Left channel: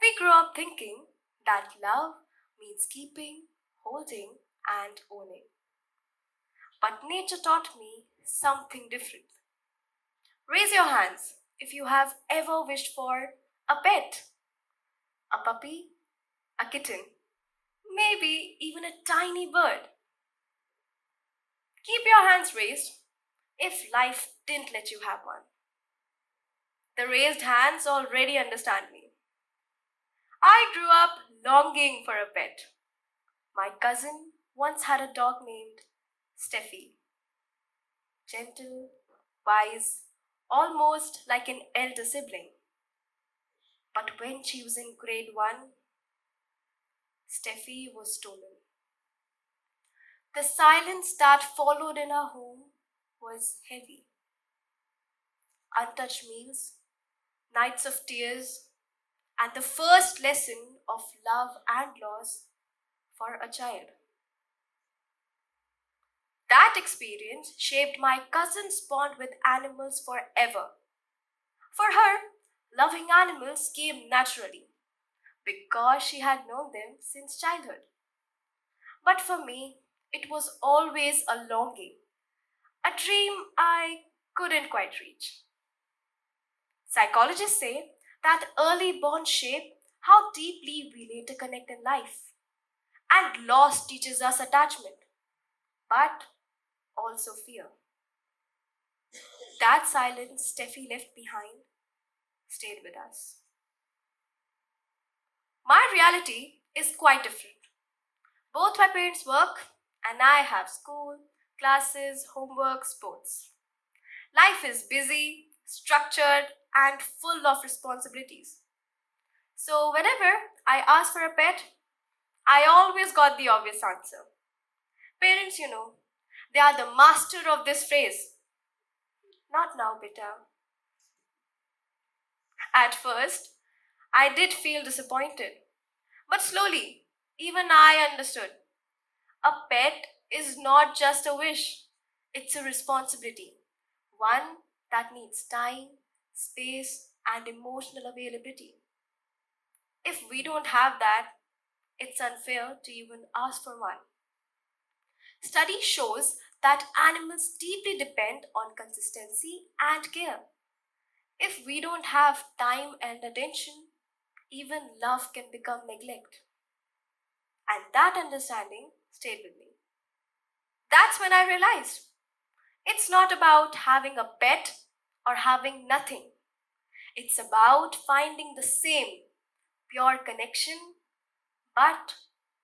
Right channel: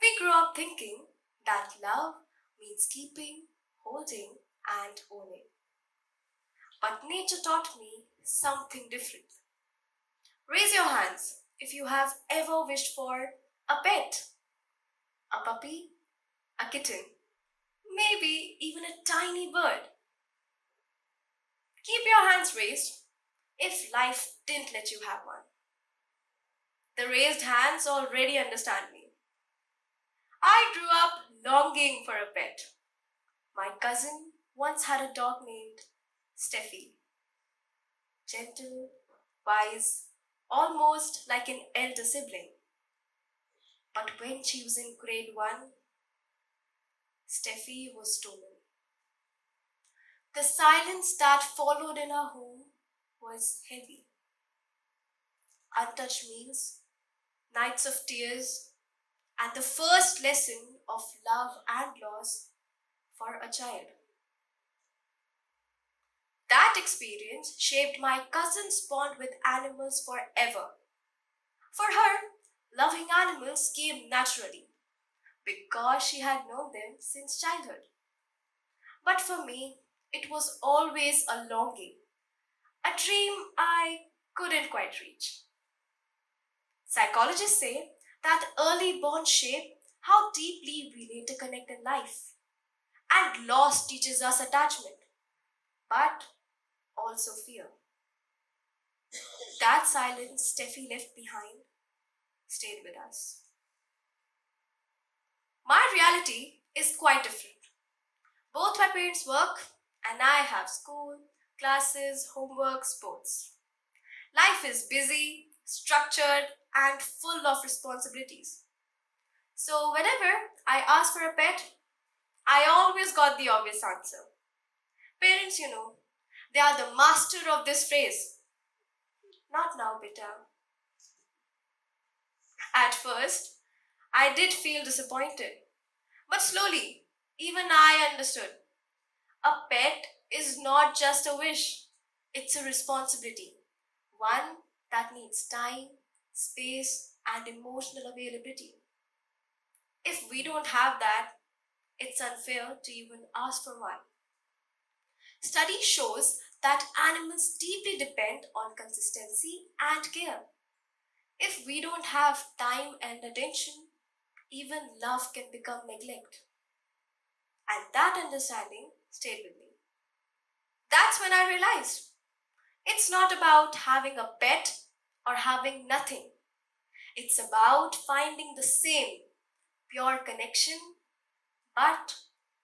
We grew up thinking that love means keeping, holding, and owning. But nature taught me something different. Raise your hands if you have ever wished for a pet, a puppy, a kitten, maybe even a tiny bird. Keep your hands raised if life didn't let you have one. The raised hands already understand me. I grew up longing for a pet. My cousin once had a dog named Steffi. Gentle, wise, almost like an elder sibling. But when she was in grade 1, Steffi was stolen. The silence that followed in our home was heavy. Untouched meals, nights of tears, and the first lesson of love and loss for a child. That experience shaped my cousin's bond with animals forever. For her, loving animals came naturally because she had known them since childhood. But for me, it was always a longing, a dream I couldn't quite reach. Psychologists say that early bonds shape how deeply we later connect in life, and loss teaches us attachment, but also fear. That silence Steffi left behind stayed with us. My reality is quite different. Both my parents work, and I have school, classes, homework, sports. Life is busy, structured, and full of responsibilities. So, whenever I ask for a pet, I always got the obvious answer. Parents, they are the master of this phrase. Not now, beta. At first, I did feel disappointed. But slowly, even I understood. A pet is not just a wish, it's a responsibility. One that needs time, space, and emotional availability. If we don't have that, it's unfair to even ask for one. Study shows that animals deeply depend on consistency and care. If we don't have time and attention, even love can become neglect. And that understanding stayed with me. That's when I realized it's not about having a pet or having nothing. It's about finding the same pure connection but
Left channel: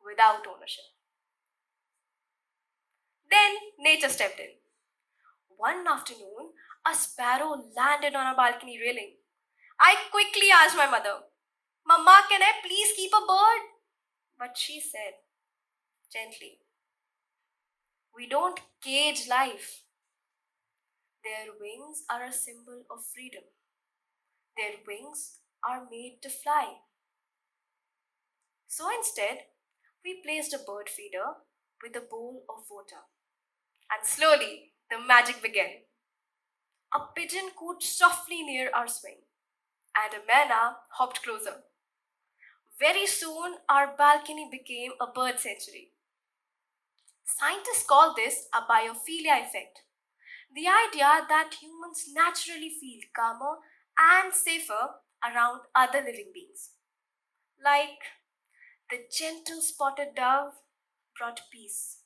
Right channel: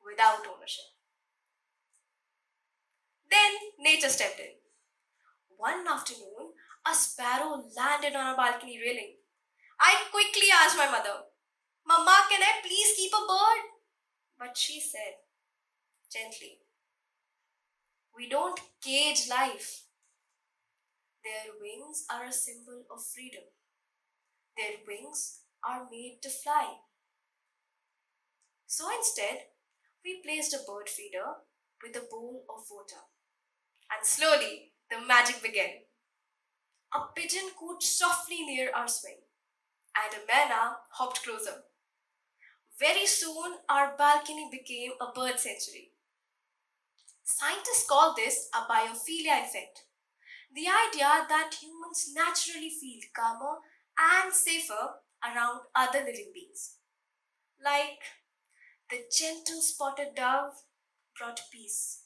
without ownership. Then nature stepped in. One afternoon, a sparrow landed on a balcony railing. I quickly asked my mother, Mama, can I please keep a bird? But she said gently, we don't cage life. Their wings are a symbol of freedom. Their wings are made to fly. So instead, we placed a bird feeder with a bowl of water. And slowly, the magic began. A pigeon cooed softly near our swing, and a manna hopped closer. Very soon, our balcony became a bird sanctuary. Scientists call this a biophilia effect, the idea that humans naturally feel calmer and safer around other living beings. Like the gentle spotted dove brought peace.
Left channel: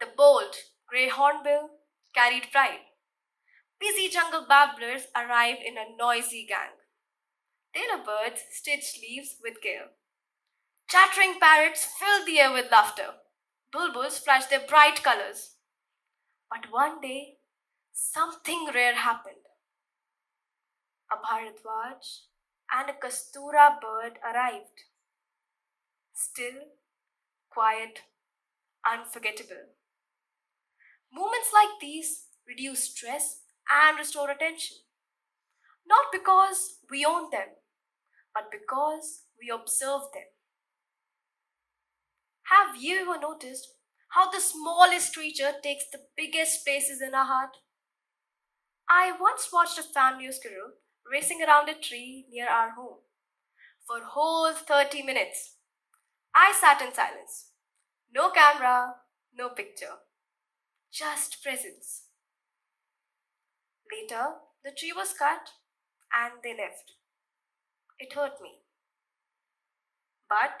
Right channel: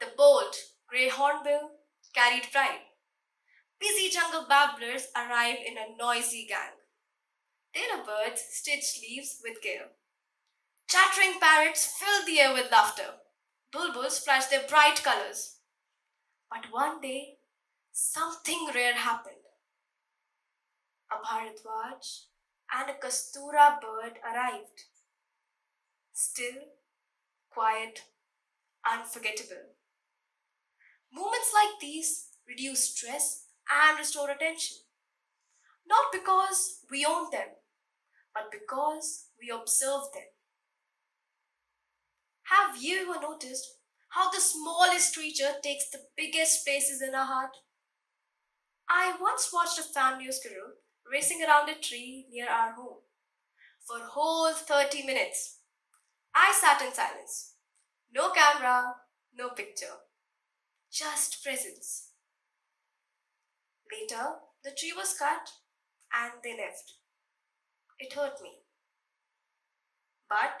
The bold grey hornbill carried pride. Busy jungle babblers arrived in a noisy gang. Tailor birds stitched leaves with care. Chattering parrots filled the air with laughter. Bulbuls flashed their bright colors. But one day, something rare happened. A Bharadwaj and a Kastura bird arrived. Still, quiet, unforgettable. Moments like these reduce stress and restore attention. Not because we own them, but because we observe them. Have you ever noticed how the smallest creature takes the biggest spaces in our heart? I once watched a family of squirrel racing around a tree near our home. For whole 30 minutes, I sat in silence. No camera, no picture, just presence. Later, the tree was cut and they left. It hurt me. But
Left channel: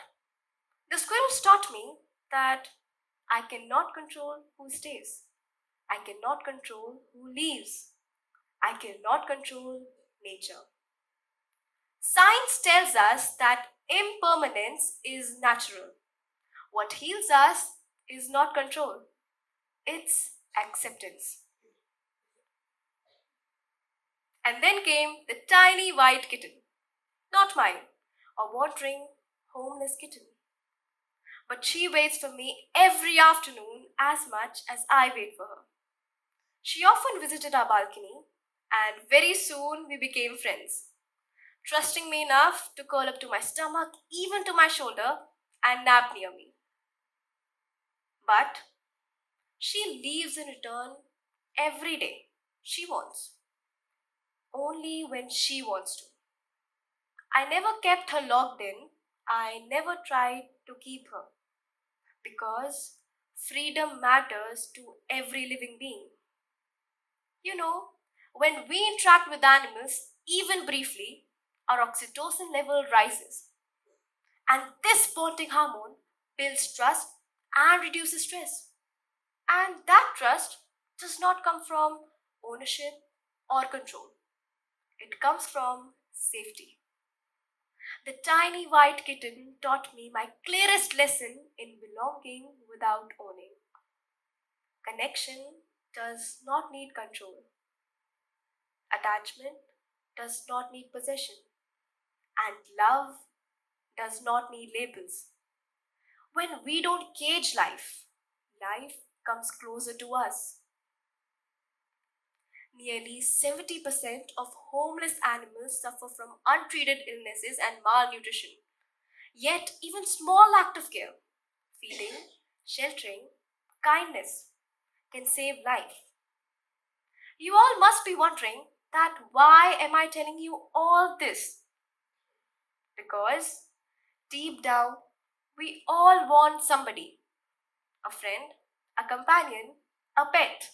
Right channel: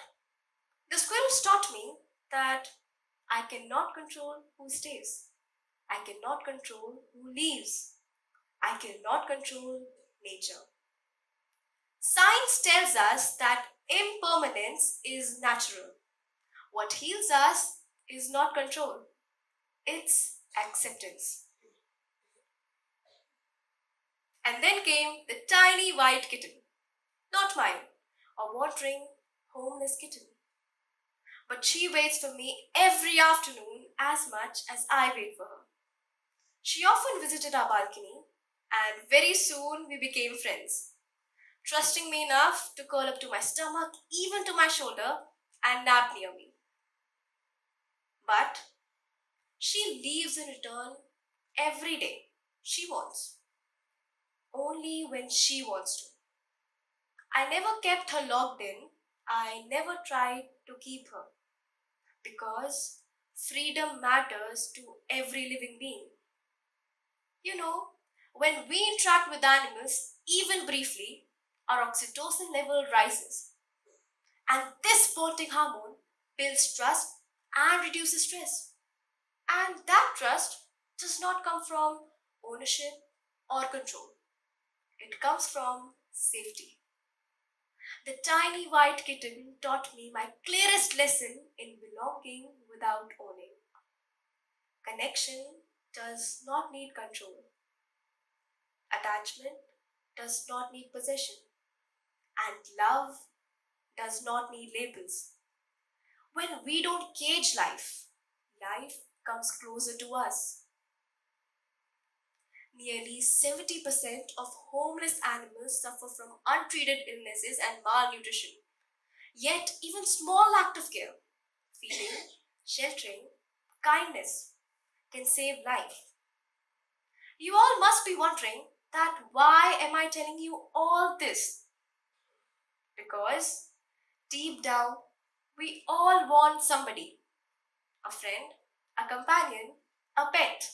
the squirrels taught me that I cannot control who stays. I cannot control who leaves. I cannot control nature. Science tells us that impermanence is natural. What heals us is not control, it's acceptance. And then came the tiny white kitten, not mine, a wandering, homeless kitten. But she waits for me every afternoon as much as I wait for her. She often visited our balcony, and very soon we became friends, trusting me enough to curl up to my stomach, even to my shoulder, and nap near me. But she leaves in return every day she wants, only when she wants to. I never kept her locked in, I never tried to keep her, because freedom matters to every living being. You know, when we interact with animals, even briefly, our oxytocin level rises. And this bonding hormone builds trust and reduces stress. And that trust does not come from ownership or control, it comes from safety. The tiny white kitten taught me my clearest lesson in belonging without owning. Connection does not need control, attachment does not need possession, and love does not need labels. When we don't cage life, life comes closer to us. Nearly 70% of homeless animals suffer from untreated illnesses and malnutrition. Yet, even small act of care, feeding, sheltering, kindness can save life. You all must be wondering that why am I telling you all this? Because deep down, we all want somebody, a friend, a companion, a pet.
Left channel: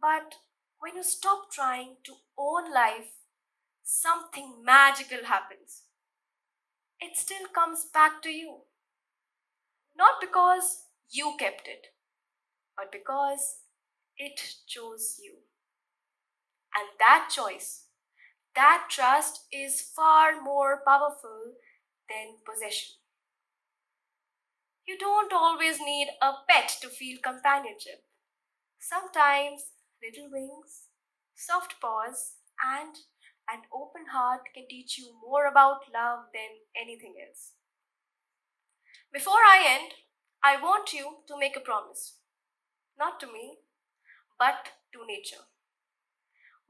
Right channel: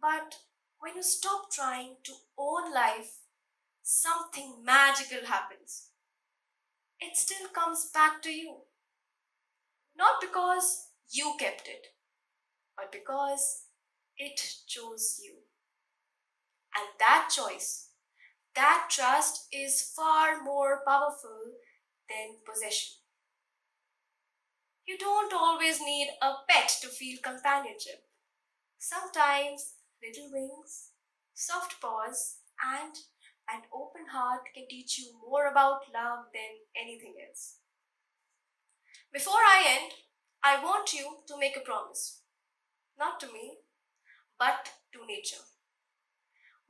But when you stop trying to own life, something magical happens. It still comes back to you. Not because you kept it, but because it chose you. And that choice, that trust is far more powerful than possession. You don't always need a pet to feel companionship. Sometimes little wings, soft paws, and an open heart can teach you more about love than anything else. Before I end, I want you to make a promise. Not to me, but to nature.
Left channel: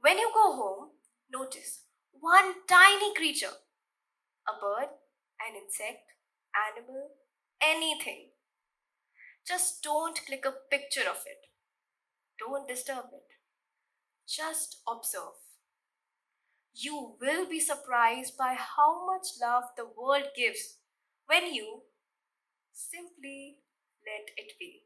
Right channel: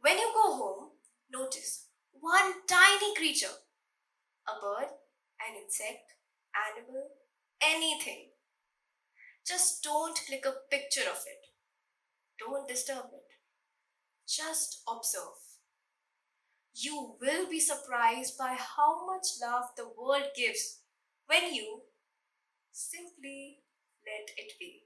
When you go home, notice one tiny creature, a bird, an insect, animal, anything. Just don't click a picture of it. Don't disturb it. Just observe. You will be surprised by how much love the world gives when you simply let it be.